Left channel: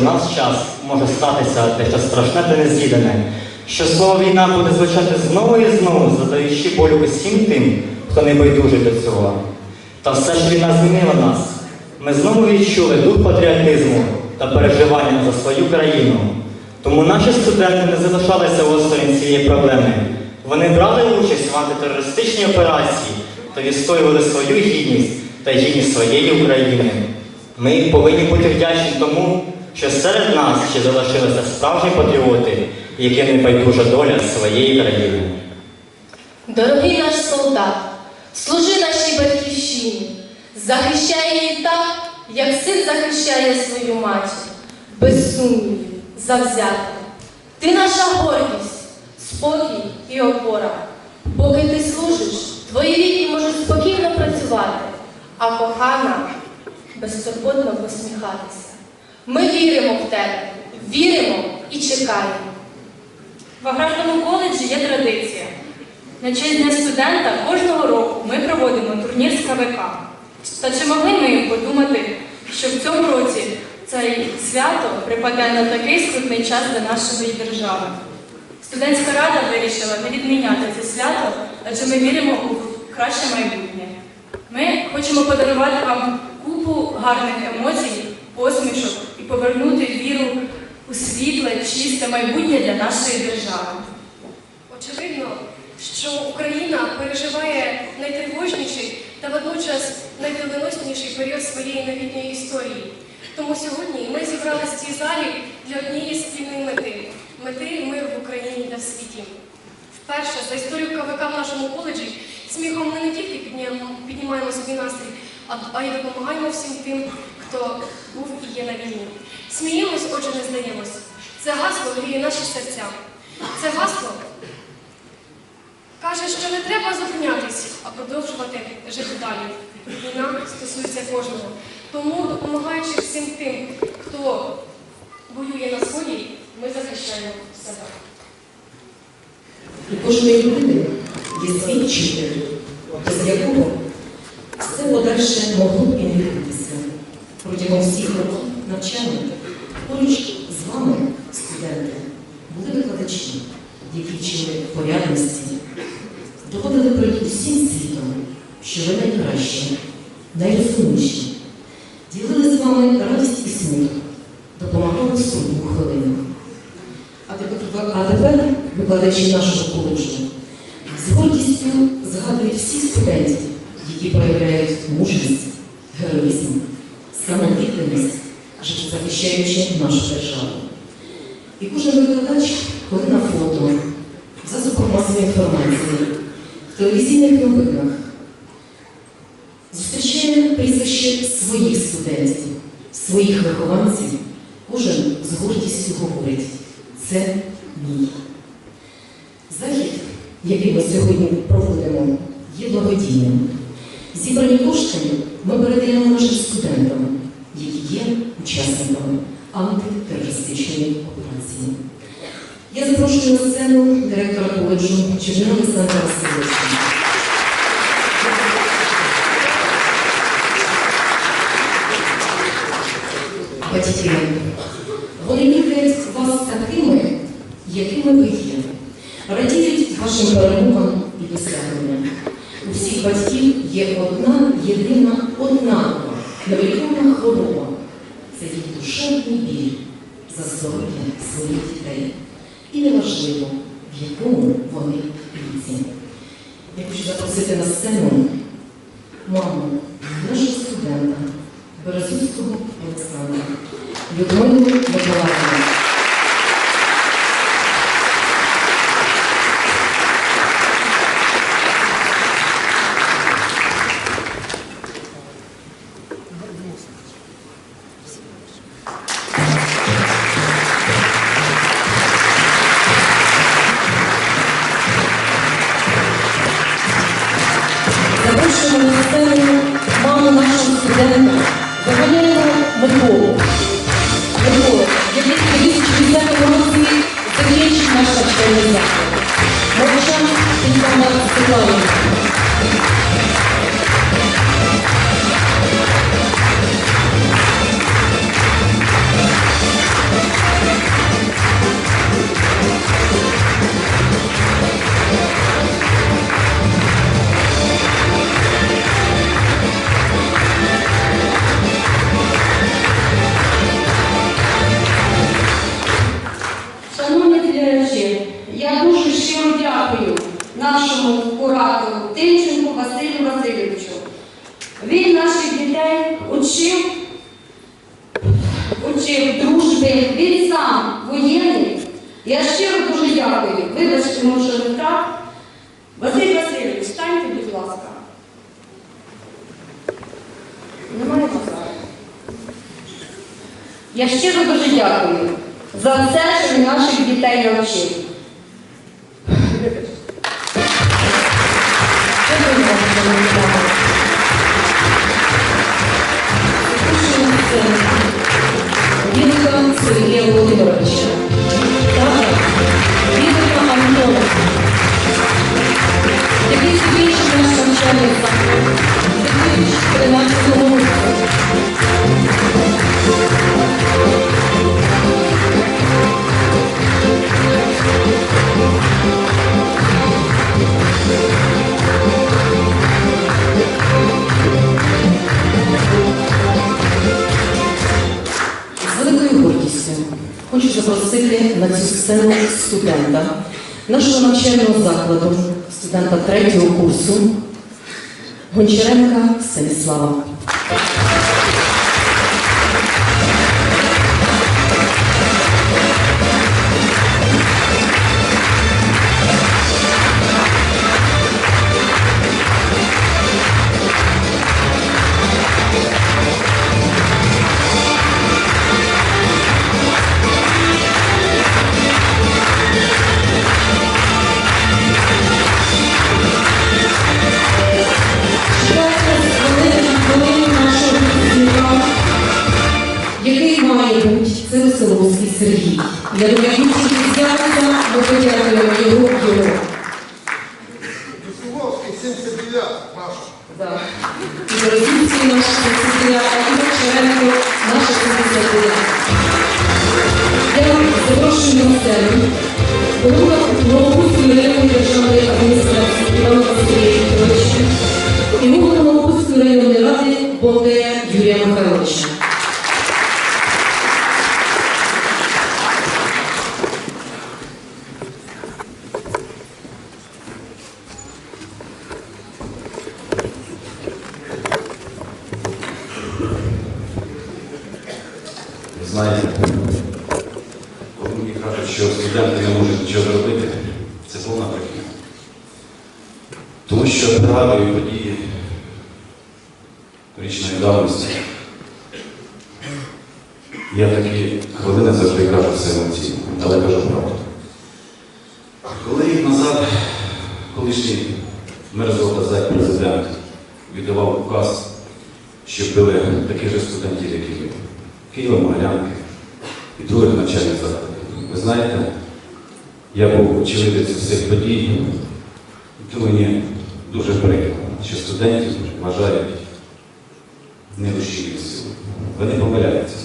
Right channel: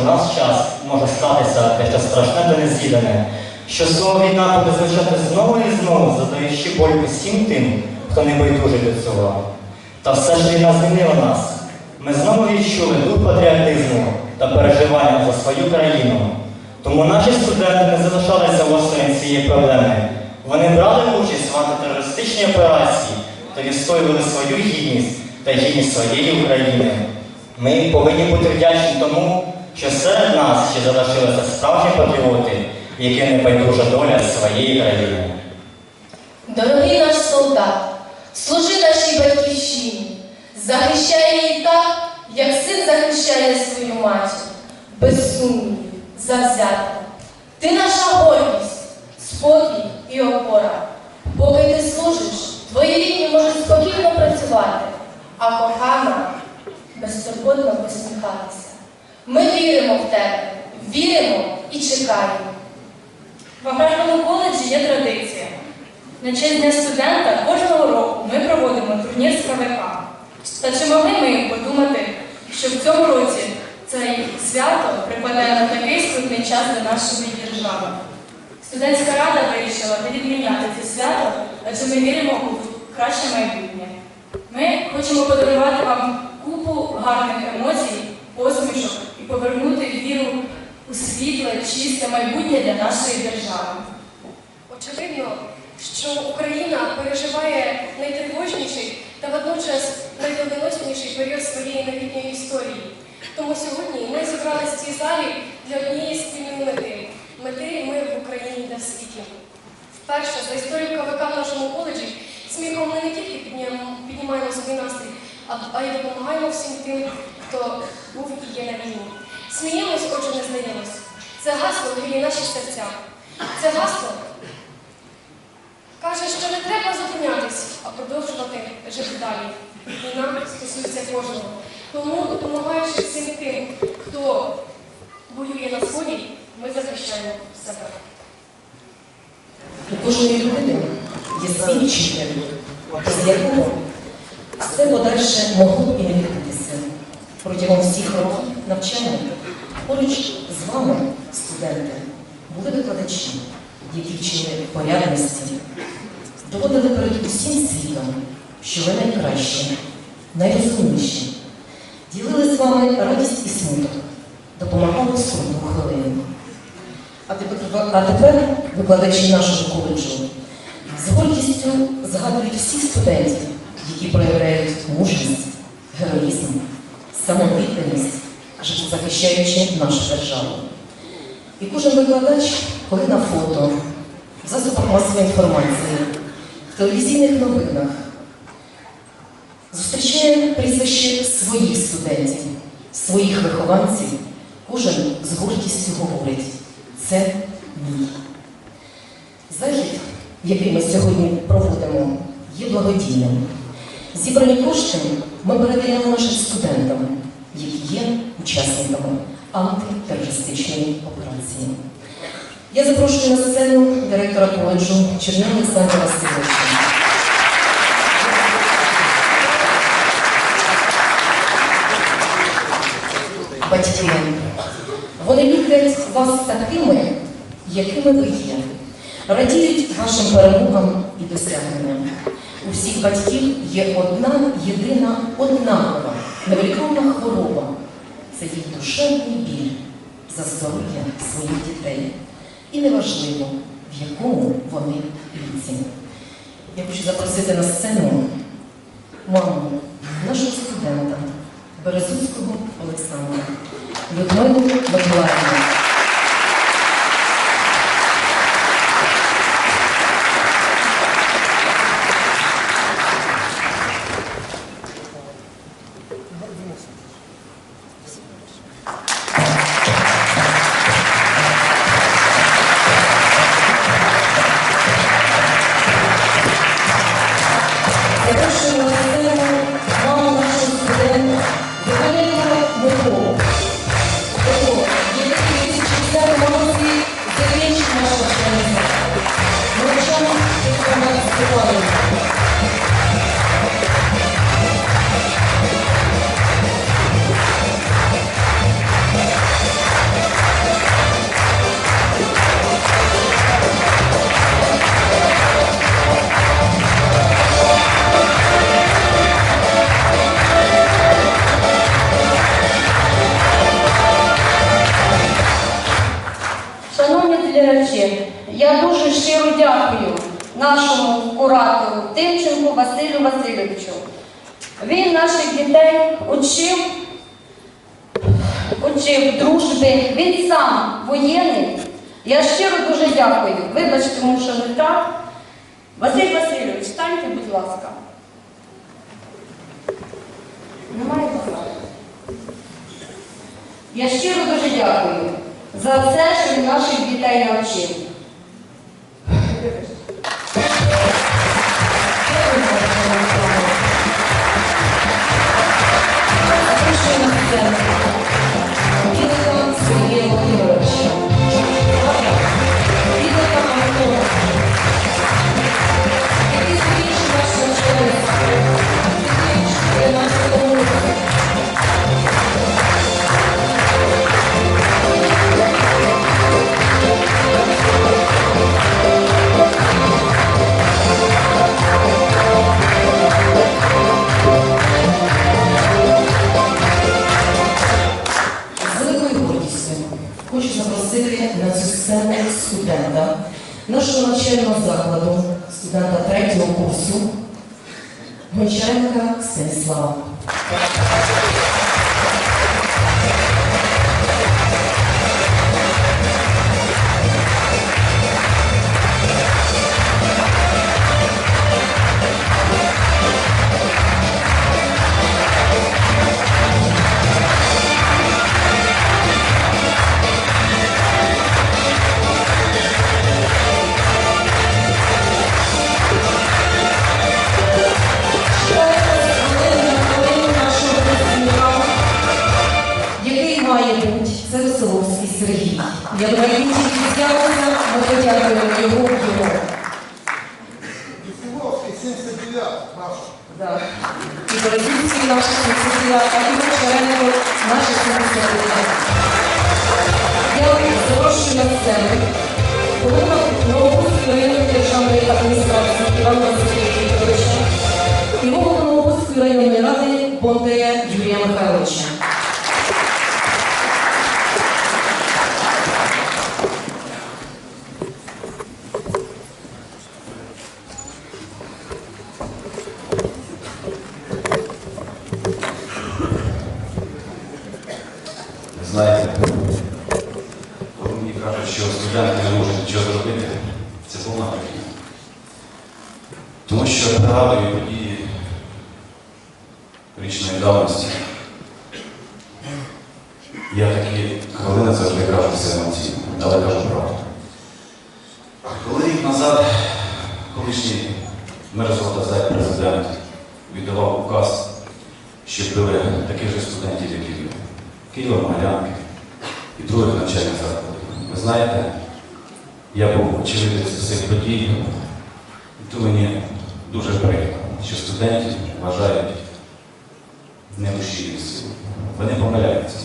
в наш час може статися те, що страшне та незвідане, що слово війна буде звучати знову і знову, задаючи болю усім тим, хто не байдужий до цього. Та все ж війна змінила нас. Ми знову відчули дух патріотизму та переживання за свою країну. Тому наші студенти не залишалися осторонь цієї проблеми. Вони брали участь в антитерористичній операції та відстоювали свою гідність та гідність своєї України. Ми повинні бути вдячні тому, що серед нас ще залишилися справжні патріоти, яким не байдужа доля своєї країни. Дорогий наш солдат, служи нашій батьківщині, захищай її так, як син захищає свою матір, без сумнівів, завзято. Ти наша гордість, спокій і опора. Поки ти служиш, твої рідні можуть спокійно працювати, а кохана безтурботно посміхатися. Ми віримо в тебе, віримо і чекаємо. В аграрному коледжі є традиція. На честь Дня студента кожного року ми проводимо турнір з КВК. Та чи могли ми подумати, що в цьому році це свято припадає на такий скрутний час для нашої держави? Студентська рада вирішила не відміняти це свято, адже ми віримо у краще майбутнє. Ми хочемо подарувати вам купу гарних емоцій, посмішок повернути віру у світле, чисте майбутнє для нашої держави. Очевидно, що Україна переживає найтривожніший та водночас найдоленосніший період своєї новітньої історії. Тому сьогодні ми зібралися в цій залі для однієї спільної мети мети миру в Україні та в світі. Вперше за історію КВК в нашому коледжі сміхом ми не тільки піднімаємо, собі настрій, а й допомагаємо всім тим, хто був і на війні. Сміємось, отже, не здаємось. Це гасло гріє наші серця. Це гасло Каже, що не треба зупинятись, а продовжувати жити далі. Війна стосується кожного. Тому, допомагаючи всім тим, хто воює на сході, ми захищаємо себе. У кожної людини є свій вчитель, з якого все подальше могло відбутися. Протягом всіх років навчання. Поруч з вами, студенти, були викладачі, які вчили порядності, доводили перед усім світом, що ви найкращі, найрозумніші, ділили з вами радість і смуток, допомагали в хвилину. А тепер, викладачі нашого коледжу. З гордістю згадують всіх студентів, які проявляють мужність, героїзм, самовідданість, захищаючи нашу державу. І кожен викладач, коли на фото, в засобах масової інформації, в телевізійних новинах, зустрічає прізвище своїх студентів, своїх вихованців, кожен з гордістю говорить. Це мій. Захід, який ми сьогодні проводимо, є благодійним. Зібрані кошти ми передаємо нашим студентам, які є учасниками антитерористичної операції. Я запрошую на сцену директора коледжу Чернила Олександра Васильовича. Батьки, вони люблять вас такими, якими ви є. Радіють вашим перемогам і досягненням. У всіх батьків є одна єдина однакова невеликова хвороба. Душевний біль за здоров'я своїх дітей. І неважливо, в якому вони віці. Я хочу запросити на сцену Я щиро дуже дякую. Вибачте, тому що не так. Василь Васильович, станьте, будь ласка. Немає бажання. Я щиро дуже дякую за все, що наших дітей навчив. as well. Сцену голова Новопольської районної державної адміністрації Івана Василія Вікторовича і голову Новопольської районної ради Бондаря Юрія Михайловича. Ви знаєте, коли мені кажуть, що студенти не можуть нічого зробити, це повна брехня. Тому що я пригадую події річної давності. Я в такі хвилини завжди кажу все емоційно, але кажу правду. Коли колишній мерзота зай президент віддавав указ, щоб були таких же студентів, як і. Києва, Могилянки і других навчальних закладів. Ви знаєте, я був очевидець цих подій, і то мені дуже прикро, що студентів вважають нерушійною силою. Вони помиляються.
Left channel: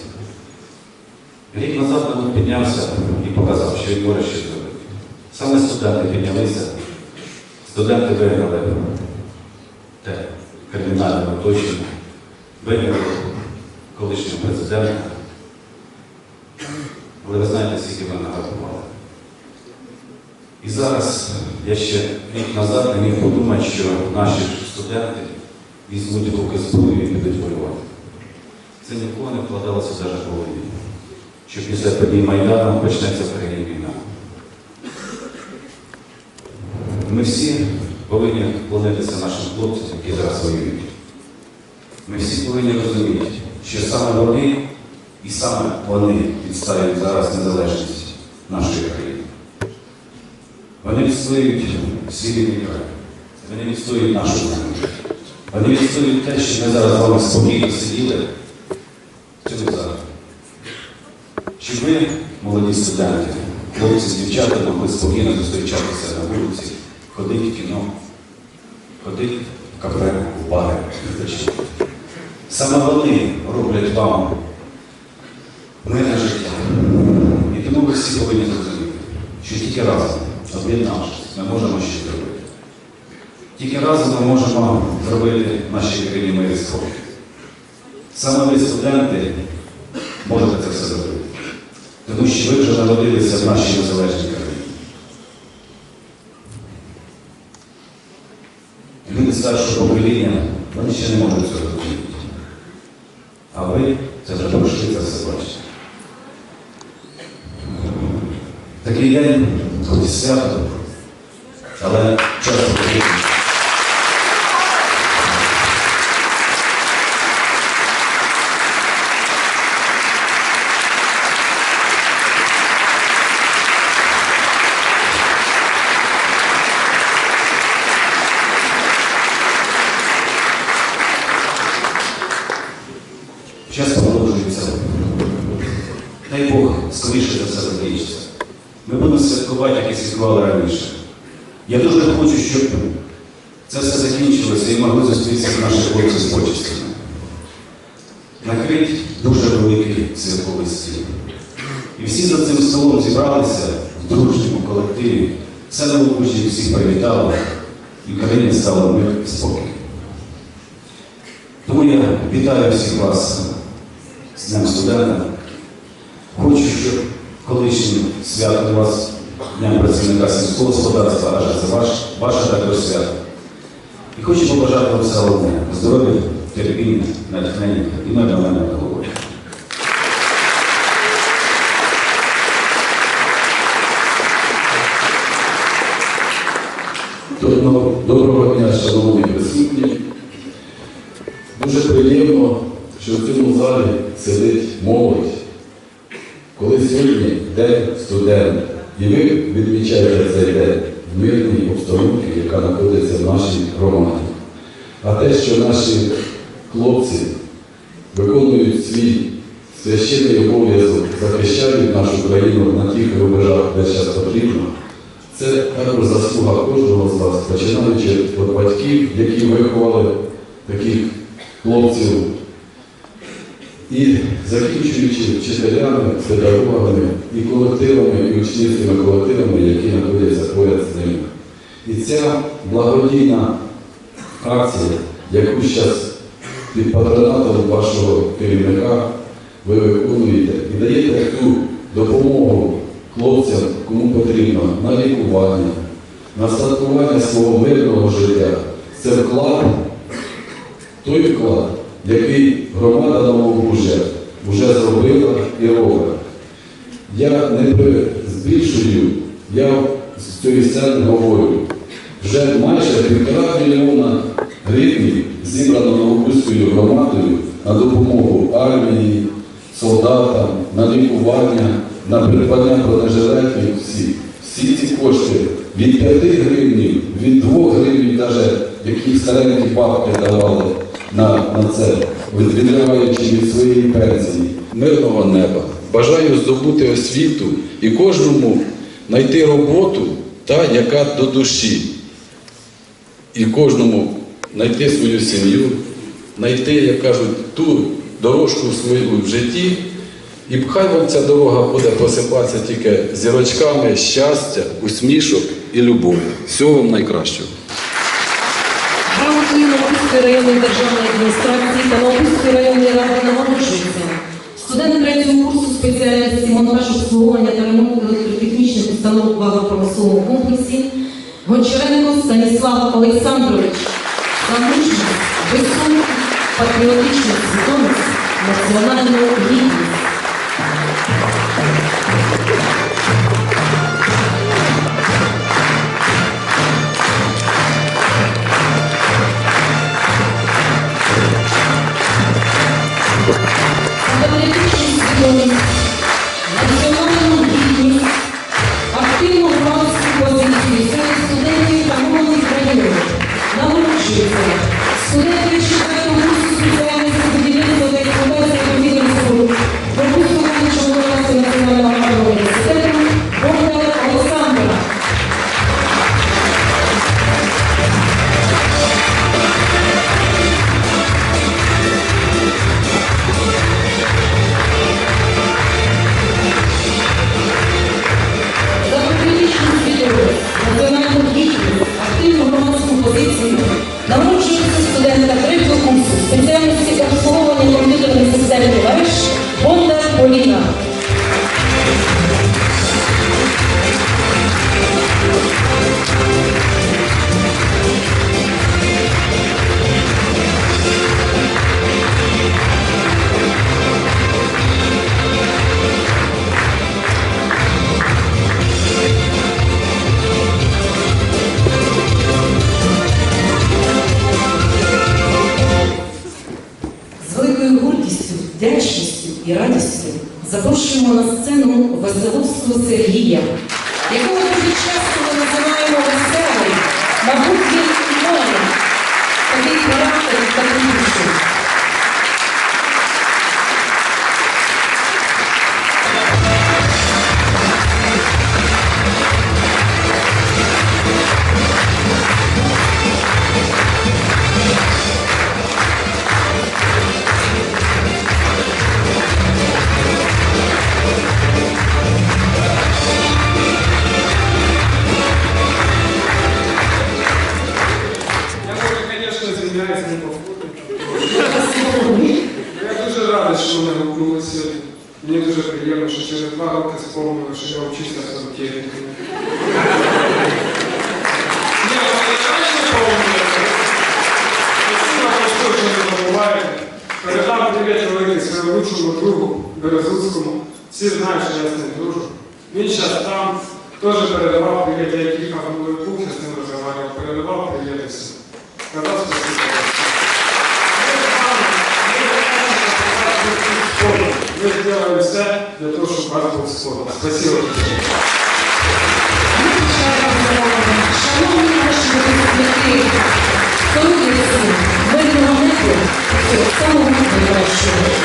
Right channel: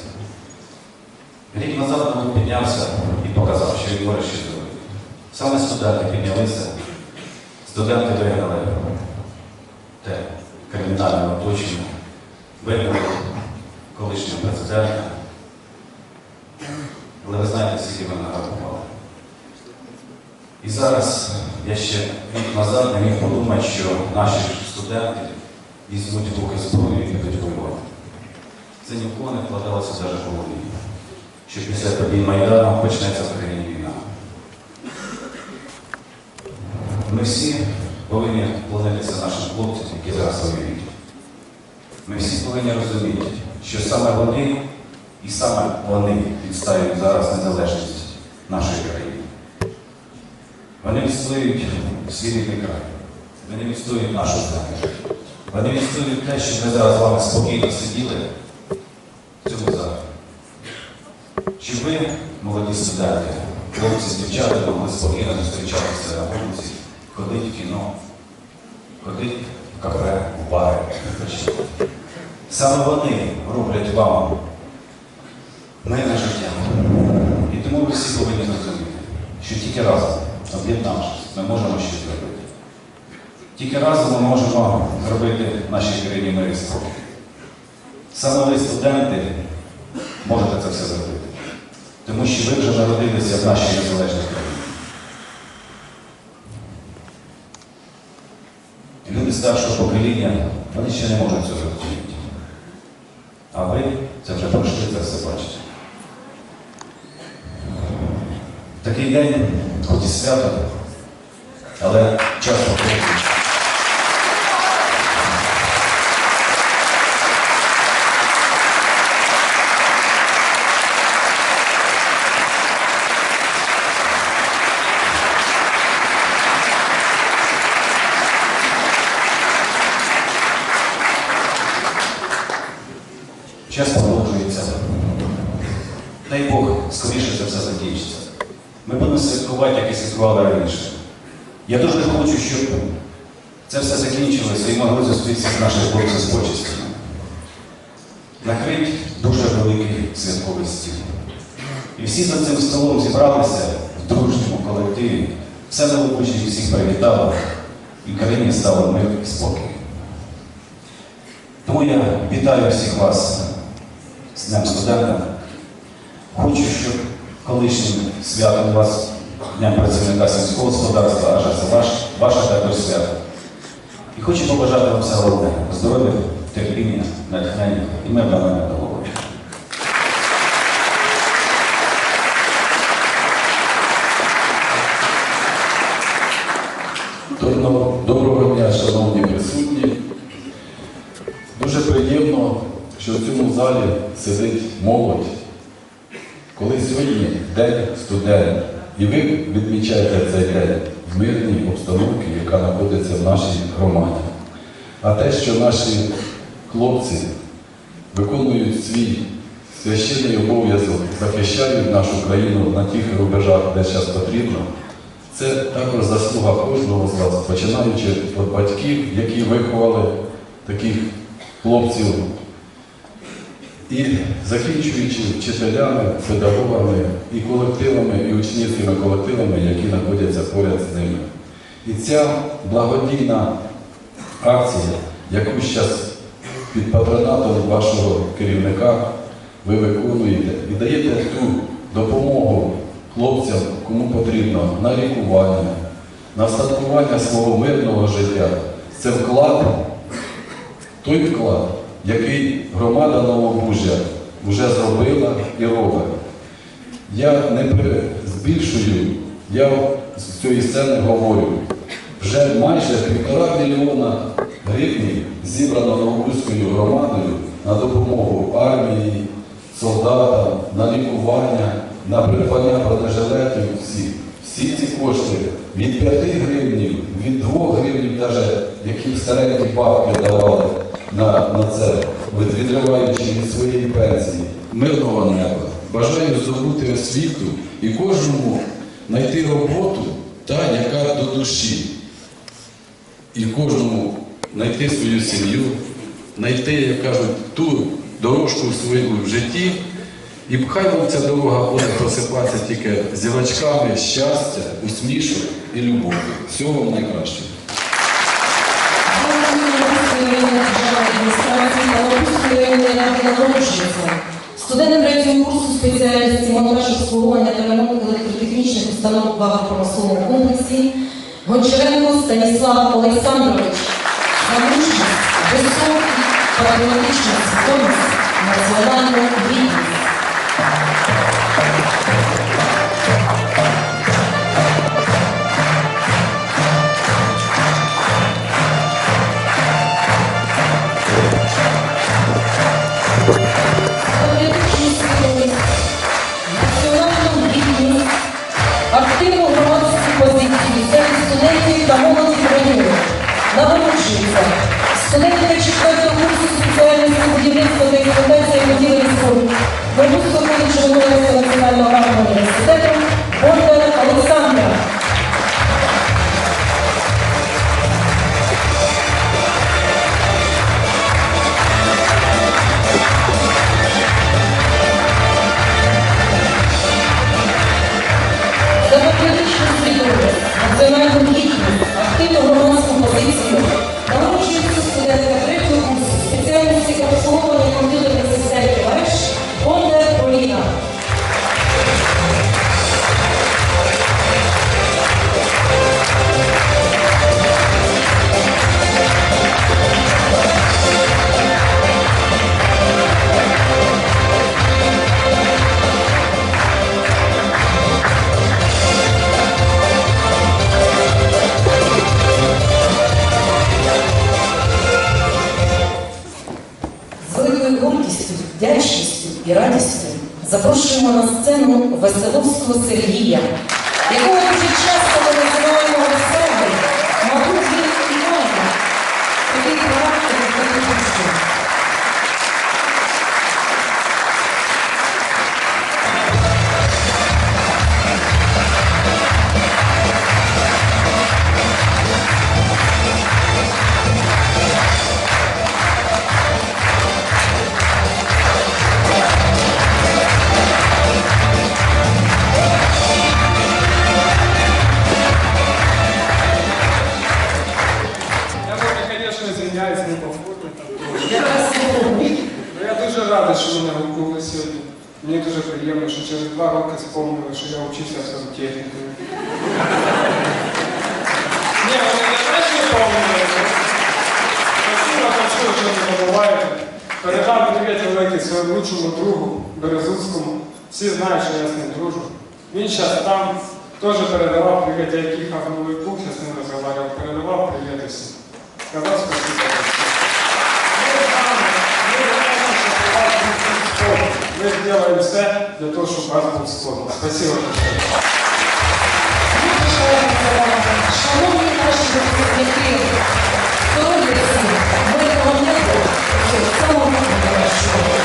Рік назад він піднявся і показав, що він може щось. Саме студенти піднялися, студенти вигнали те кримінальне оточення, вигнали колишнього президента. Але ви знаєте, скільки ви награбували. І зараз я ще рік назад не міг подумати, що наші студенти візьмуть руки зброю і підуть воювати. Це ніколи не вкладалося навіть в голові, що після подій Майдану почнеться в країні війна. Ми всі повинні нашим хлопцям, які зараз воюють. Ми всі повинні розуміти, що саме вони і саме вони відстають зараз незалежність нашої країни. Вони відстоюють свій рідний край. Вони відстоюють нашу землю. Вони відстоюють те, що ми зараз з вами спокійно сиділи в цьому залі. Щоб ви, молоді студенти, хлопці з дівчата, могли спокійно зустрічатися на вулиці, ходити в кіно, ходити в кафе, в бари. Саме вони роблять вам мирне життя. І тому ви всі повинні зрозуміти, що тільки разом, об'єднавшись, ми можемо щось зробити. Тільки разом ми можемо зробити нашій країні мир спокій. Саме ви, студенти, можете це все зробити. Тому що ви вже народилися в нашій незалежній старшого покоління, вони ще не можуть цього зрозуміти. А ви це вже пройшли, це все бачите. Такий день, хоч і свято, але часто. Зібралися в дружньому колективі, все новобучі всіх привітали, і країні стало мир і спокій. Тому я вітаю всіх вас з Днем студента. Хочу, щоб колишнім святом вас Днем працівника сільського господарства, аж це ваш, ваше також свято. І хочу побажати вам все головне здоров'я, терпіння, натхнення і мирного на голові. Молодь. Коли сьогодні День студента, і ви відмічаєте цей день в мирній обстановці, яка знаходиться в нашій громаді. А те, що наші хлопці виконують свій священний обов'язок, захищають нашу країну на тих рубежах, де зараз потрібно, це також заслуга кожного з вас, починаючи від батьків, які виховали таких хлопців, і закінчуючи вчителями, педагогами і колективами, і учнівськими колективами, які знаходяться поряд з ними. І ця благодійна акція, яку зараз під патронатом вашого керівника ви виконуєте і даєте ту допомогу хлопцям, кому потрібно, на лікування, на стартування свого мирного життя. Це вклад, той вклад, який громада Новобужжя вже зробила і робить. Я не збільшую, я з цієї сцени говорю, вже майже півтора мільйона гривень зібрано Новобузькою громадою на допомогу армії, солдатам, на лікування, на придбання бронежилетів всі. Всі ці кошти від 5 гривень, від 2 гривень, навіть які старенькі бабки давали на, на це, відриваючи від своєї пенсії. Мирного неба. Бажаю здобути освіту і кожному знайти роботу, та, яка до душі. І кожному знайти свою сім'ю, знайти, як кажуть, ту дорожку своєму в житті. І хай вам ця дорога буде просипатися тільки зірочками щастя, усмішок і любов. Всього вам найкращого. Гончаренко Станіслав Олександрович. За мужність, високу патріотичну свідомість, національну Studen сцену Веселовського Сергія, якого Всі знають, що я з ним дружу. Він зараз там теж передавав привіт, я як їхав на новий пункт, я з ним розмовляв, передавав привіт всім. Сказав спасибо. Ми з вами, ми знаємо, що у вас був спорт. Ми зробимо все для того, щоб вас був спорт. Спасибо. Шановні наші випускники, солодиці, мирного неба, і самого найкращого.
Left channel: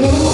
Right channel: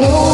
You